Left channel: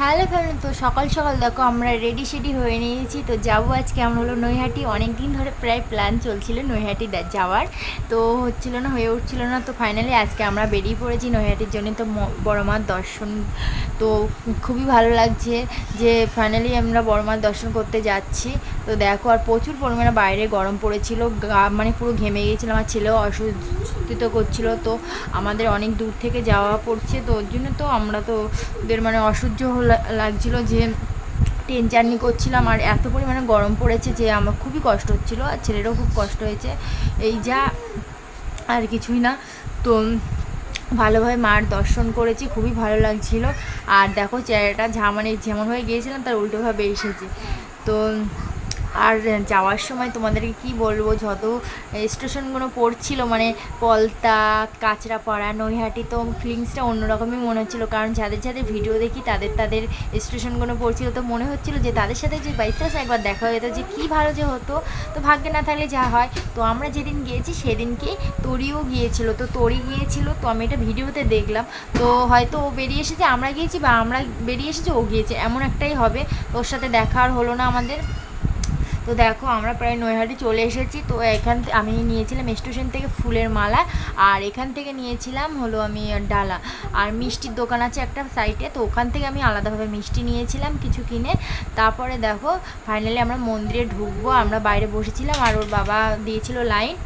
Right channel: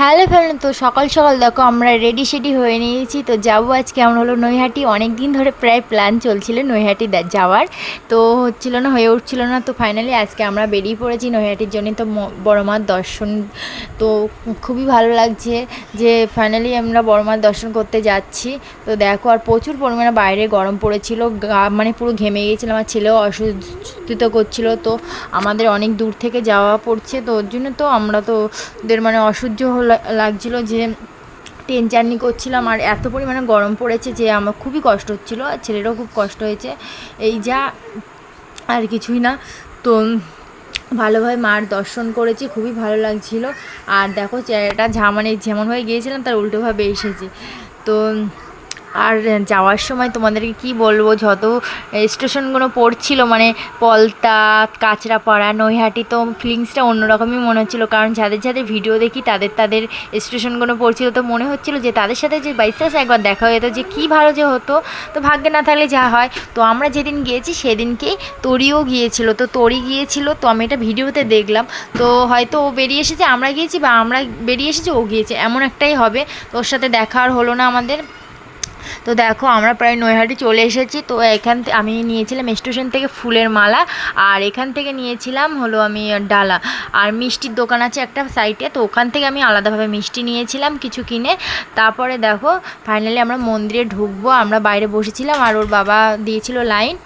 Hello friend, তো সকাল সকাল দেখো আমরা রেডি সেডি হয়ে নিয়েছি। তো যাবো আজকে আমরা হলো নৈহাটি। অনেক দিন ধরে প্রায় প্ল্যান চলছিল নৈহাটি যাওয়ার, তো হচ্ছিল না, হয়ে উঠছিল না। তো ফাইনালি আজকে আমরা বেরিয়ে পড়েছি নৈহাটির জন্য। তো বড় মার দর্শন তো খুবই ভালো লাগছে যে ফাইনালি আমরা বড় মার দর্শন করতে যাচ্ছি। তো দেখো, আর প্রচুর পরিমাণে বাইরে গরম পড়েছিল, মানে পুরো ঘেমে গিয়েছিলাম। আমার ছেলেও অসুস্থ করছিল, তো আমাদের অনেক দূর থেকে যাওয়া পড়ছে, তো ওর জন্য তো আমরা তো ওদের মানে অসহ্য লাগছিল যে ট্রেন জার্নি করছিলাম। আর এত পরিমাণে গরম পড়েছে যে আমার খুবই কষ্ট হচ্ছিলো, আর ছেলেরও খুব কষ্ট হয়েছে। এই যা, আর কিছুই না। তো ভালোভাবে মার দর্শন করেছি, খুবই ভালো লাগছিল। আর দেখো চেহারাটা মানে যেমন হয়ে গিয়েছিলাম তার উল্টোভাবে এসেছি। তো আর যাওয়ার সময় তোমাদেরকে কি বলবো, যত স্টেশনগুলো পড়ছিল মানে পলতা, কাঁচরাপাড়া, নৈহাটি, তো ফিলিংসটা অন্যরকমই মনে হচ্ছিলো। কারণ যাদের যাদের ভিডিও দেখি তাদের স্টেশনগুলো পড়ছিল, তো মনে হচ্ছিলো যে তাদের সাথে যে বাই চান্স একবার দেখা হয়ে যেত যে কী ভালো যে হতো। তো ভাগ্যে না থাকলে যা হয়। তো আমরা যেদিন গিয়েছি সেদিনকেই তরিও গিয়েছিল, তো তরি গিয়েছিল, তো আমি এটা ভিডিওতে দেখলাম। তো হয়তো ও বেরিয়ে এসেছে আমরা গিয়েছি, বা আমরা বেরিয়ে এসেছি ও গিয়েছে, এমন একটাই হবে। তো ওর সাথে দেখা আর হলো না আমাদের। তো দেখো আমরা প্রায় নৈহাটি চলে এসেছি। তো এখান থেকে আমি নিয়েছিলাম স্টেশন থেকে ফুলের মালা, আর এখান থেকে নিয়েছিলাম হলো আমি ডালা। আর মিষ্টির দোকান আছে একটা সাইডে, তো ওখান থেকে আমি আলাদাভাবে মিষ্টি নিয়েছিলাম কিছু কিনে। তারপরে দেখো ফাইনালি আমরা মন্দিরে ঢুকবো, আমরা বাইরে বসেছিলাম আর ওর বাবা দিয়েছিল লাইন।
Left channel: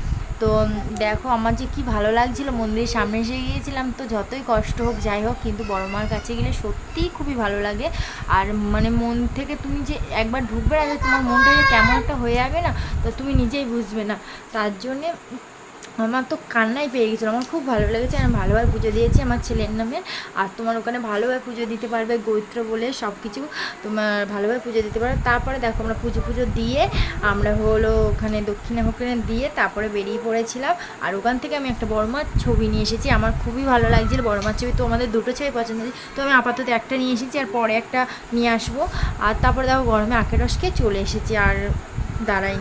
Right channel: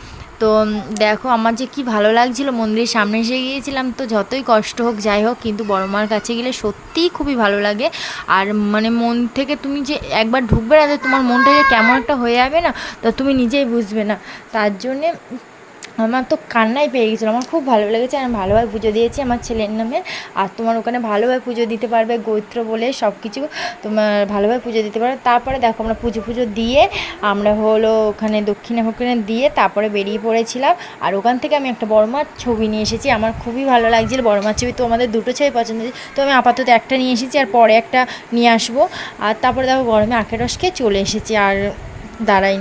তো দেখো আমার যে কি ভালো লাগছিলো, মন্দিরের সামনে এসে গিয়েছিলাম। তো যতই কষ্ট হোক যাই হোক, কিন্তু বড় মার কাছে গেলে সত্যিই খুবই ভালো লাগে। আর মানে মন থেকে তুমি যে একবার ঢুকবে না, তোমার মনটা যে কেমন একটা হয়ে যাবে না, তা তুমি নিজেই বুঝবে না। তার জন্যে আমার তো কান্নাই পেয়ে গেছিলো। আমার খুব ভালো লেগেছে, আমি ভালোভাবে পুজো দিয়েছি আমার ছেলের নামে। আর তোমার ওখানে ভালোভাবে পুজো দিতে পারবে, গোত্র বলে সব কিছু তোমার ভালোভাবে পুজো দিতে পারবে। তারপরে দেখো আমরা পুজো দিয়ে আমরা হলো ওখানে দক্ষিণা দিয়ে তারপরে বেরিয়ে পড়েছিলাম। আর ওখান থেকে আমি একটা বড় মার ছবি নিয়ে এসেছি, আমার খুবই ভালো লাগছিল বড় মার ছবি। তো আমাদের দুটো ছবি পছন্দ হয়েছে, তো আমি আপাতত একটা নিয়ে এসেছি, আর পরে একটা নিয়ে আসবো। আর তারপরে দেখো গরমে আখের রস খেয়ে চলে এসেছি, আর দাঁড়াই।